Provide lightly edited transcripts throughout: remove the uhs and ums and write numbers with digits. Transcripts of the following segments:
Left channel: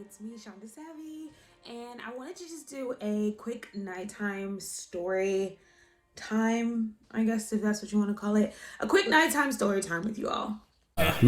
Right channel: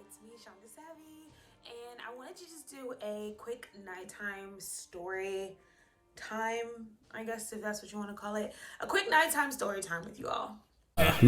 It's me, Shaunda Savvy, and I wanted to just do a quick nighttime story time, I guess, if that's what you want to call it. A quick nighttime story time with you all.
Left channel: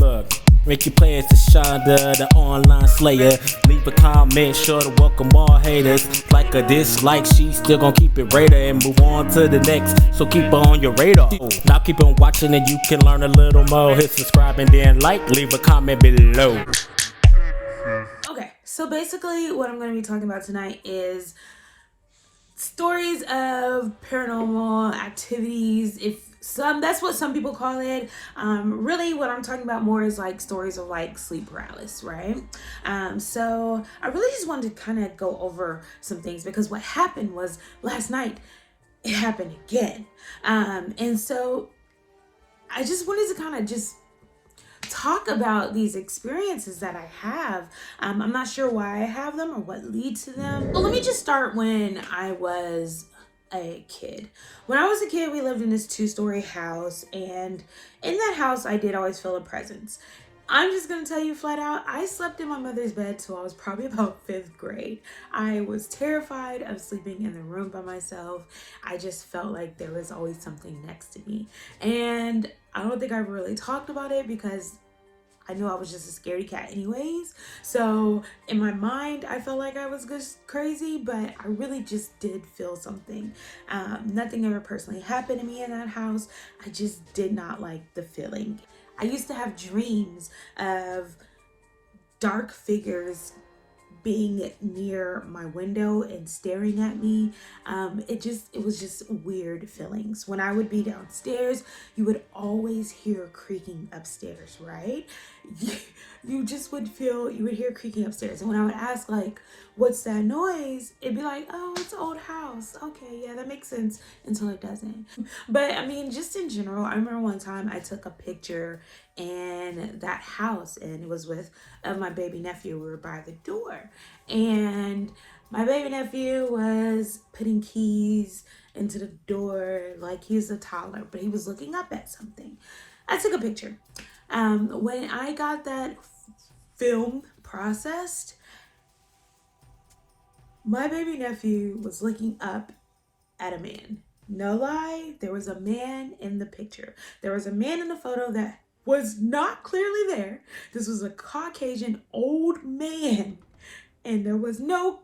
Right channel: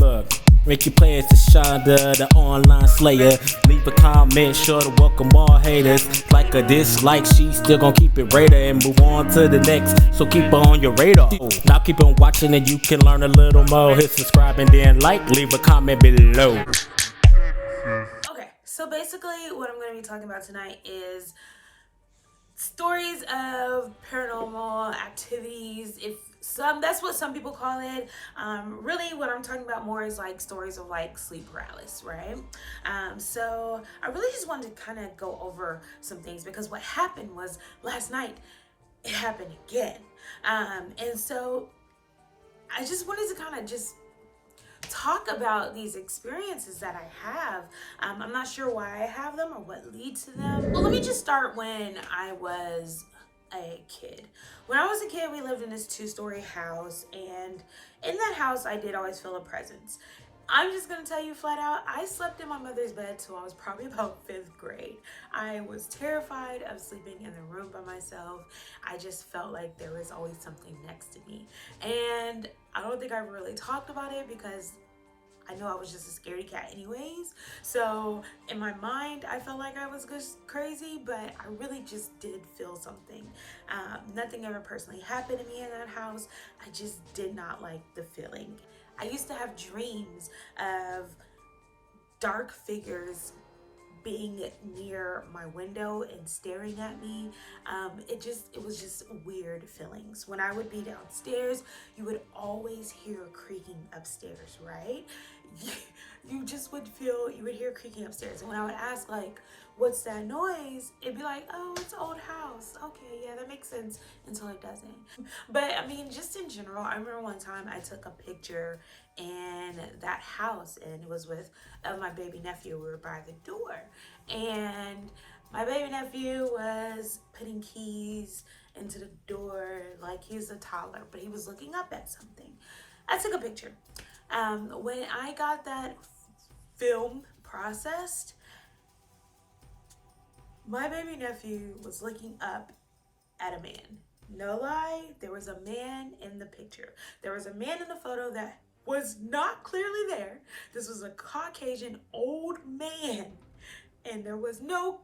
Look, Ricky plays to Shaunda, the online slayer. Leave a comment, sure to welcome all haters. Like a dislike, she still gon' keep it radar and move on to the next. So keep her on your radar. Now keep on watching and you can learn a little more. Hit subscribe and then like, leave a comment below. Okay, so basically what I'm going to be talking about tonight is stories of paranormal activities. That's what some people call it. Really what I'm talking about more is like stories of like sleep paralysis, right? So I really just wanted to kind of go over some things because what happened was last night it happened again. And so I just wanted to kind of just talk about these experiences that I have. I'm not sure why I have them or what leads to them. Well, let me just start when I was a kid. When I was a kid, we lived in this 2-story house, and in that house, I did always feel a presence. I'm just gonna tell you flat out, I slept in my mother's bed till I was probably about 5th grade. I was terrified of sleeping in the room by myself. I just felt like there was always something next to me. And I don't think I ever really talked about it because I knew I was just a scaredy cat anyways. So in my mind, I felt like I was just crazy, but I really just did feel something. Nothing ever personally happened to me in that house. I just did not like the feeling. I used to have dreams of dark figures being near my window and staring at me. It was just weird feelings. When I would be downstairs, you would always hear creaking upstairs, right? You would hear creaking upstairs. And when I would ask like, what's that noise? It'd be like, oh, it's an old house. Okay, yeah, that makes sense until it doesn't. But I mean, just in general, I remember one time I took a picture in that house and it was with my baby nephew. We were by the door and my baby nephew was putting keys into the door like he was a toddler, but he was looking up at something. I took a picture. When I got that film processed, my baby nephew was looking up at a man. No lie, there was a man in the picture. There was a man in the photo that was not clearly there. This was a Caucasian old man, and there was no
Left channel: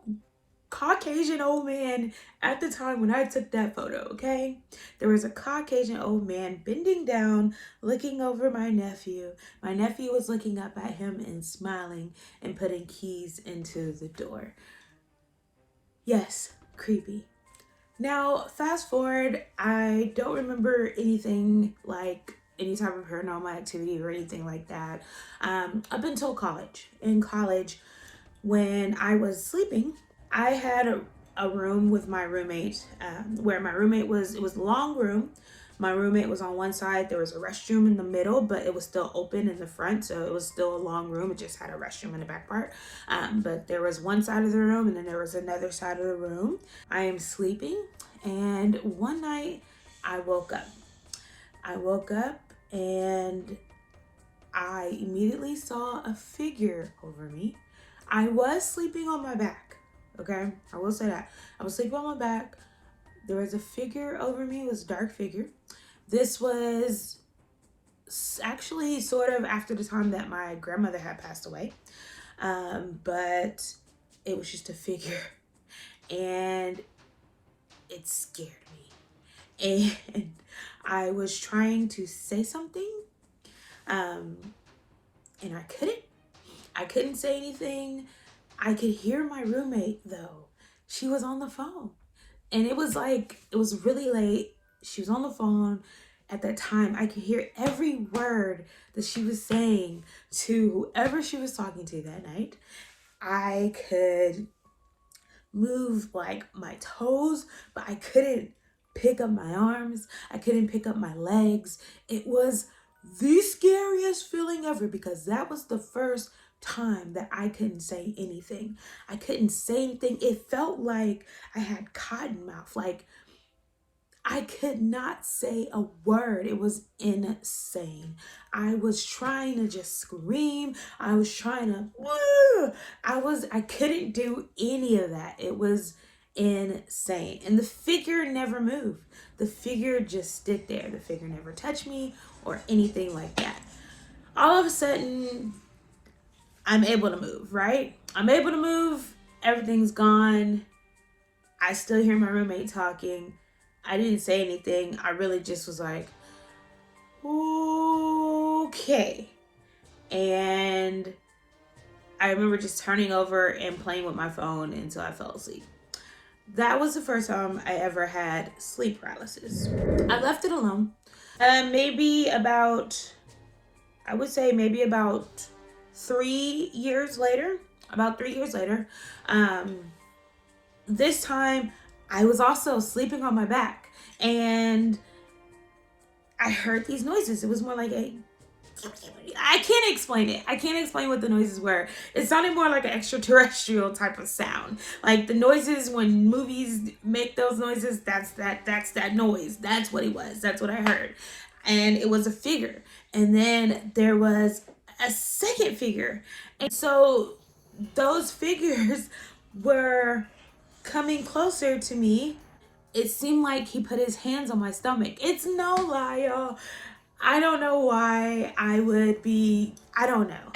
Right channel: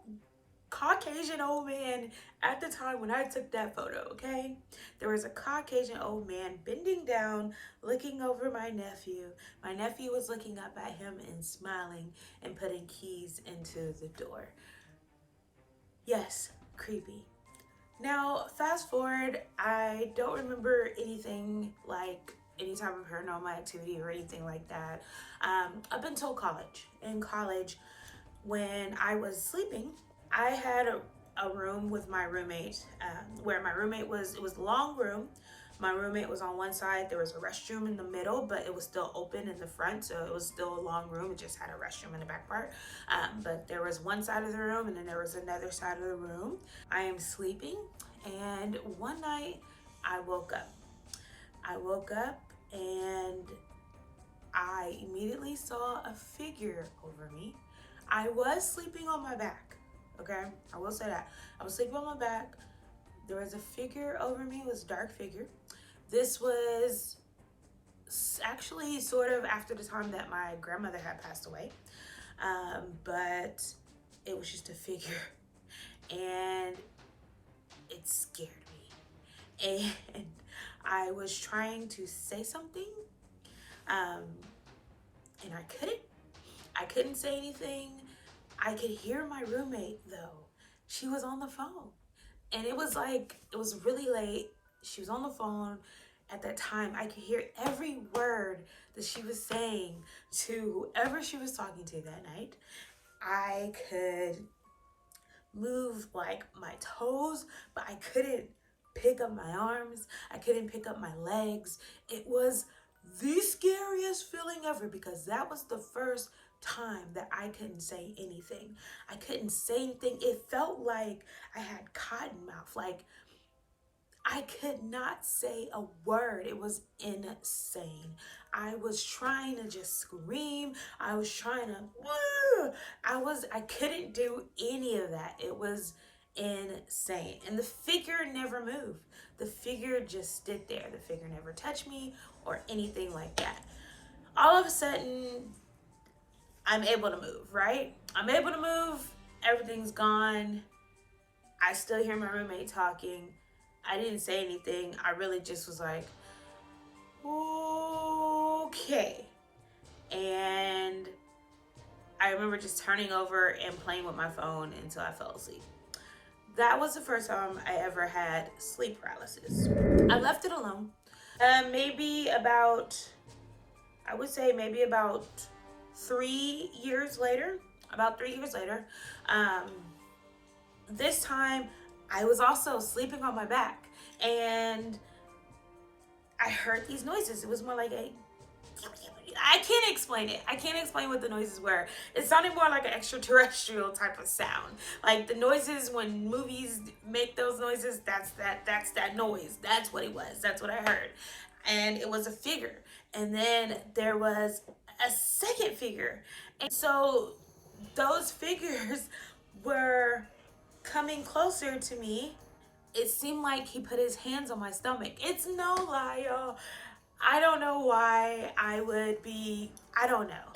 Caucasian old man at the time when I took that photo, okay? There was a Caucasian old man bending down, looking over my nephew. My nephew was looking up at him and smiling and putting keys into the door. Yes, creepy. Now, fast forward, I don't remember anything like any type of paranormal activity or anything like that up until college. In college, when I was sleeping, I had a room with my roommate where my roommate it was a long room. My roommate was on one side. There was a restroom in the middle, but it was still open in the front. So it was still a long room. It just had a restroom in the back part. But there was one side of the room and then there was another side of the room. I am sleeping and one night I woke up. I woke up and I immediately saw a figure over me. I was sleeping on my back, okay? I will say that. I was sleeping on my back. There was a figure over me. It was a dark figure. This was actually sort of after the time that my grandmother had passed away. But it was just a figure. And it scared me. And I was trying to say something. And I couldn't. I couldn't say anything. I could hear my roommate though. She was on the phone. And it was really late. She was on the phone at that time. I could hear every word that she was saying to whoever she was talking to that night. I could move like my toes, but I couldn't pick up my arms. I couldn't pick up my legs. It was the scariest feeling ever because that was the first time that I couldn't say anything. I couldn't say anything. It felt like I had cotton mouth. Like I could not say a word. It was insane. I was trying to just scream. I was trying to, I couldn't do any of that. It was insane. And the figure never moved. The figure just stood there. The figure never touched me or anything like that. All of a sudden, I'm able to move, right? I'm able to move. Everything's gone. I still hear my roommate talking. I didn't say anything. I really just was like, okay. And I remember just turning over and playing with my phone until I fell asleep. That was the first time I ever had sleep paralysis. I left it alone. Maybe about, I would say maybe about 3 years later. About 3 years later. This time I was also sleeping on my back and I heard these noises. It was more like I can't explain it. I can't explain what the noises were. It sounded more like an extraterrestrial type of sound. Like the noises when movies make those noises, that's that noise. That's what it was. That's what I heard. And it was a figure. And then there was a second figure. And so those figures were coming closer to me. It seemed like he put his hands on my stomach. It's no lie, y'all. I don't know why I would be, I don't know.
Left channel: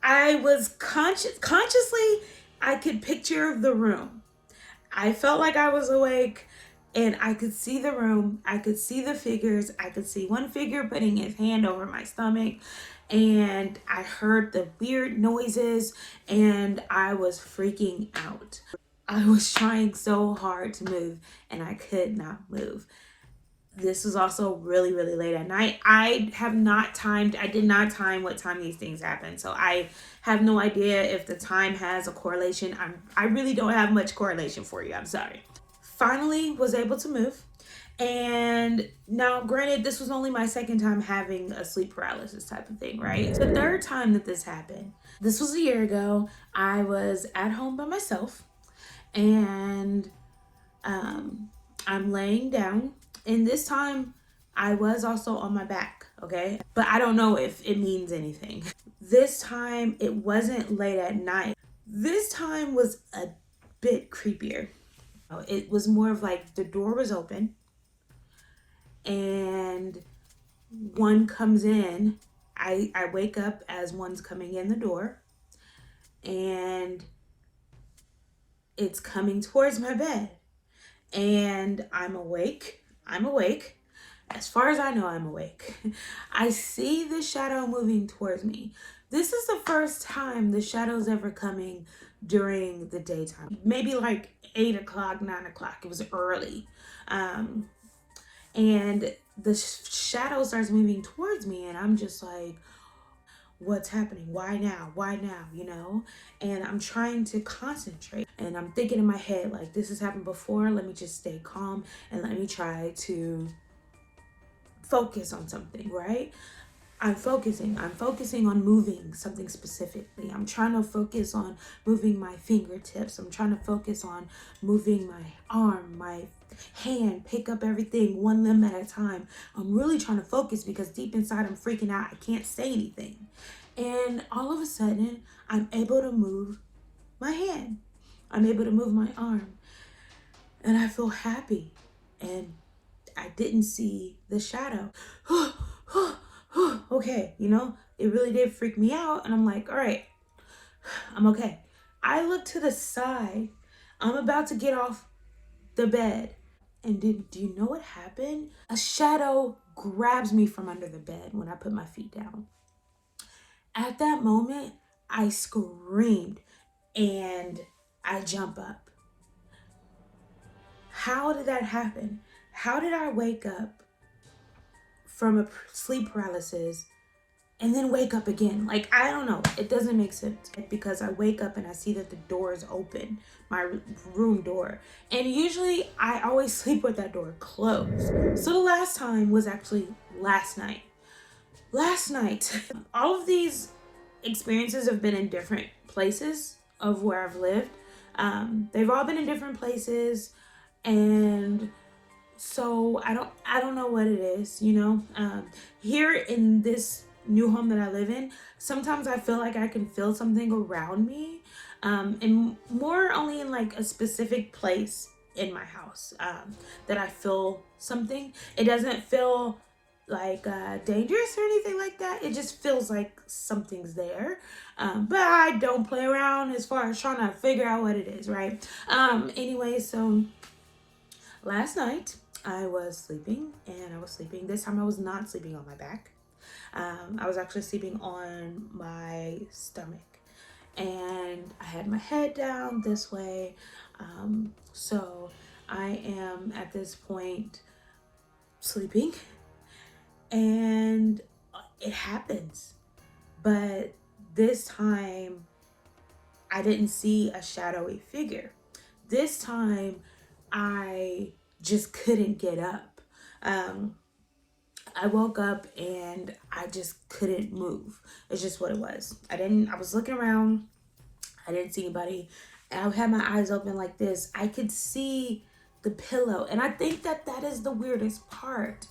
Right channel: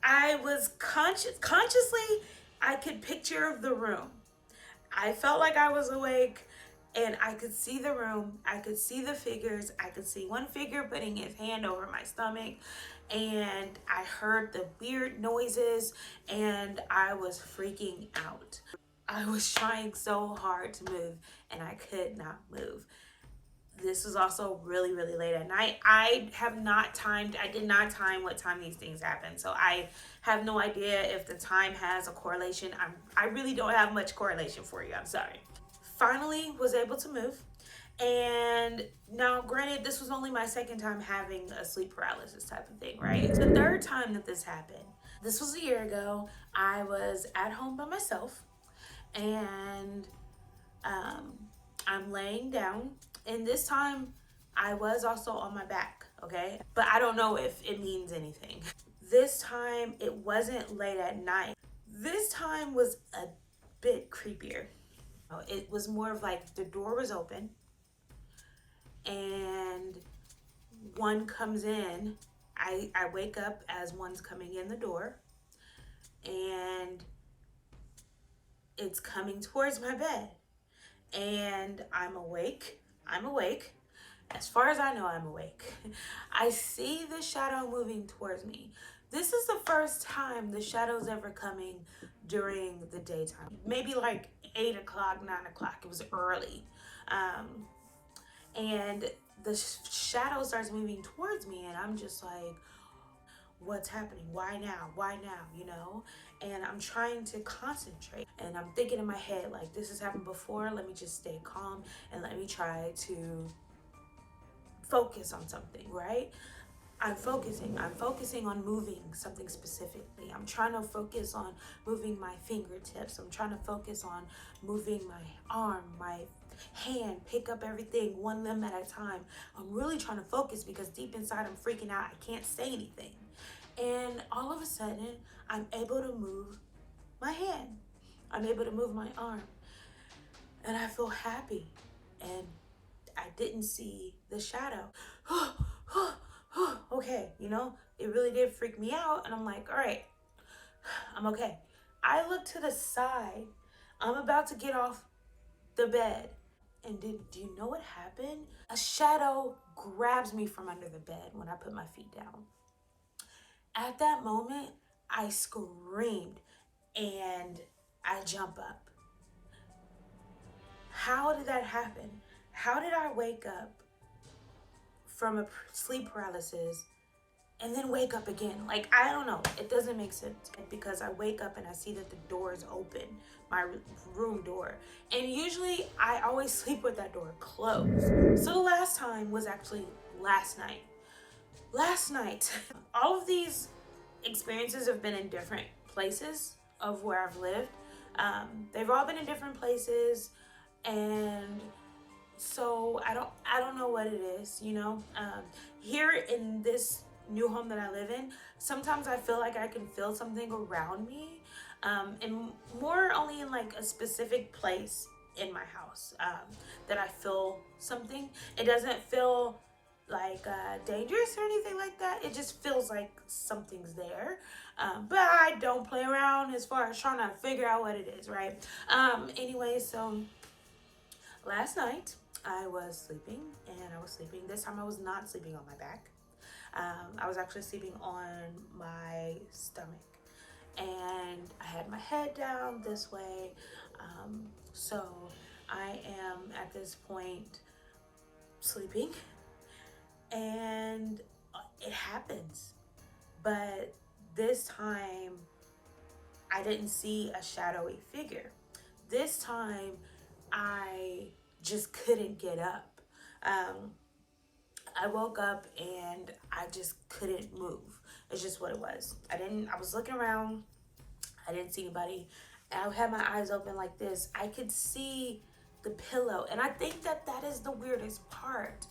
I was consciously, I could picture the room. I felt like I was awake and I could see the room. I could see the figures. I could see one figure putting his hand over my stomach and I heard the weird noises and I was freaking out. I was trying so hard to move and I could not move. This was also really, really late at night. I did not time what time these things happen. So I have no idea if the time has a correlation. I really don't have much correlation for you. I'm sorry. Finally was able to move. And now granted, this was only my second time having a sleep paralysis type of thing, right? It's the third time that this happened. This was a year ago. I was at home by myself and I'm laying down. And this time I was also on my back, okay? But I don't know if it means anything. This time it wasn't late at night. This time was a bit creepier. It was more of like the door was open and one comes in. I wake up as one's coming in the door and it's coming towards my bed. And I'm awake. As far as I know, I'm awake. I see the shadow moving towards me. This is the first time the shadow's ever coming during the daytime. Maybe like 8 o'clock, 9 o'clock. It was early. And the shadow starts moving towards me and I'm just like, what's happening? Why now? You know? And I'm trying to concentrate and I'm thinking in my head, like, this has happened before. Let me just stay calm and let me try to focus on something, right? I'm focusing on moving something specifically. I'm trying to focus on moving my fingertips. I'm trying to focus on moving my arm, my hand, pick up everything one limb at a time. I'm really trying to focus because deep inside I'm freaking out. I can't say anything. And all of a sudden, I'm able to move my hand. I'm able to move my arm. And I feel happy. And I didn't see the shadow. Okay, you know, it really did freak me out. And I'm like, all right, I'm okay. I look to the side. I'm about to get off the bed. And do you know what happened? A shadow grabs me from under the bed when I put my feet down. At that moment, I screamed and I jump up. How did that happen? How did I wake up from a sleep paralysis and then wake up again? Like, I don't know. It doesn't make sense because I wake up and I see that the door is open, my room door. And usually I always sleep with that door closed. So the last time was actually last night. All of these experiences have been in different places of where I've lived. They've all been in different places, and so I don't know what it is, you know. Here in this new home that I live in, sometimes I feel like I can feel something around me, and more only in like a specific place in my house, that I feel something. It doesn't feel like dangerous or anything like that. It just feels like something's there. But I don't play around as far as trying to figure out what it is, right? Anyway, so last night I was sleeping, and I was sleeping. This time I was not sleeping on my back. I was actually sleeping on my stomach, and I had my head down this way. So I am at this point sleeping, and it happens. But this time I didn't see a shadowy figure. This time I just couldn't get up. Um, I woke up and I just couldn't move. It's just what it was. I was looking around. I didn't see anybody. And I had my eyes open like this. I could see the pillow. And I think that that is the weirdest part.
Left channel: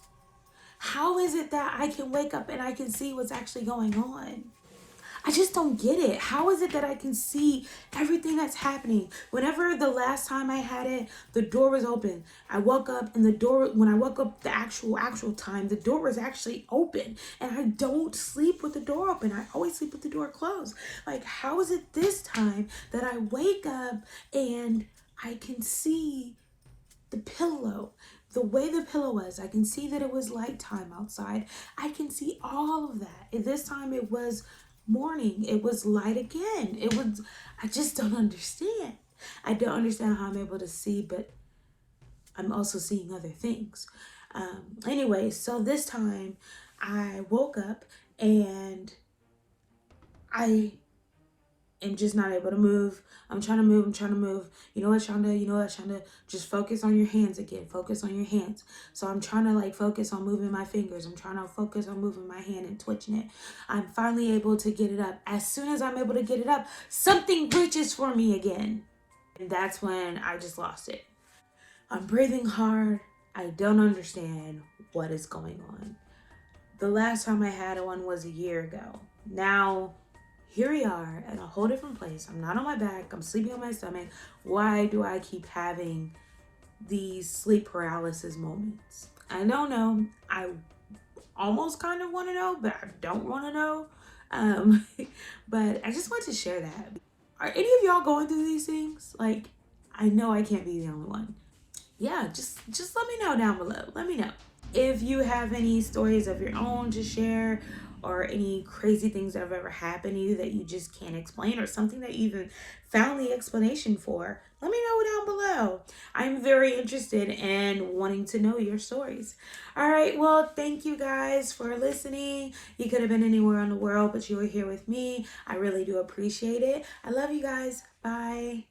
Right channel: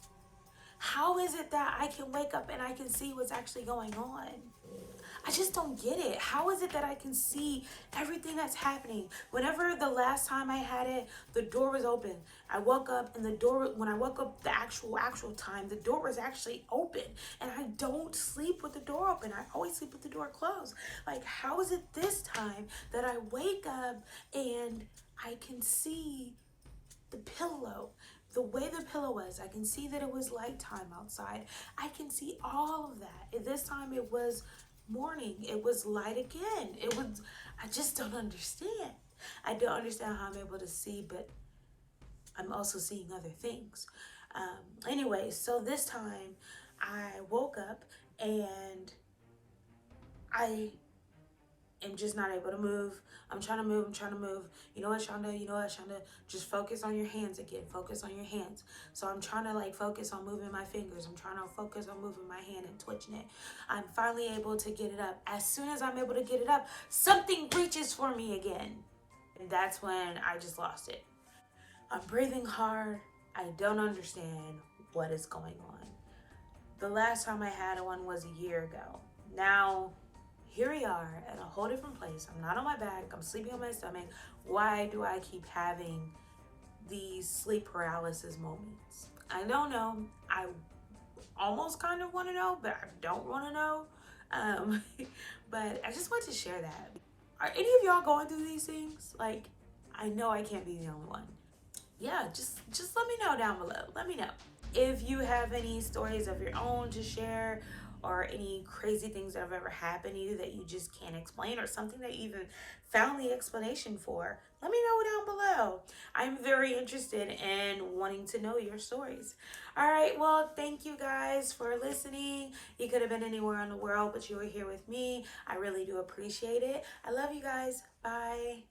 How is it that I can wake up and I can see what's actually going on? I just don't get it. How is it that I can see everything that's happening? Whenever the last time I had it, the door was open. I woke up and the door, when I woke up the actual time, the door was actually open. And I don't sleep with the door open. I always sleep with the door closed. Like, how is it this time that I wake up and I can see the pillow? The way the pillow was, I can see that it was light time outside. I can see all of that. And this time it was morning. It was light again. I just don't understand. I don't understand how I'm able to see, but I'm also seeing other things. Anyway, so this time I woke up and I am just not able to move. I'm trying to move. I'm trying to move. You know what, Shaunda? You know what, Shaunda? Just focus on your hands again. Focus on your hands. So I'm trying to like focus on moving my fingers. I'm trying to focus on moving my hand and twitching it. I'm finally able to get it up. As soon as I'm able to get it up, something reaches for me again. And that's when I just lost it. I'm breathing hard. I don't understand what is going on. The last time I had one was a year ago. Now, here we are at a whole different place. I'm not on my back. I'm sleeping on my stomach. Why do I keep having these sleep paralysis moments? I don't know. I almost kind of want to know, but I don't want to know. But I just want to share that. Are any of y'all going through these things? Like, I know I can't be the only one. Yeah, just let me know down below. Let me know. If you have any stories of your own to share, or any crazy things that have ever happened to you that you just can't explain, or something that you even found the explanation for, let me know down below. I'm very interested in wanting to know your stories. All right, well, thank you guys for listening. You could have been anywhere in the world, but you were here with me. I really do appreciate it. I love you guys. Bye.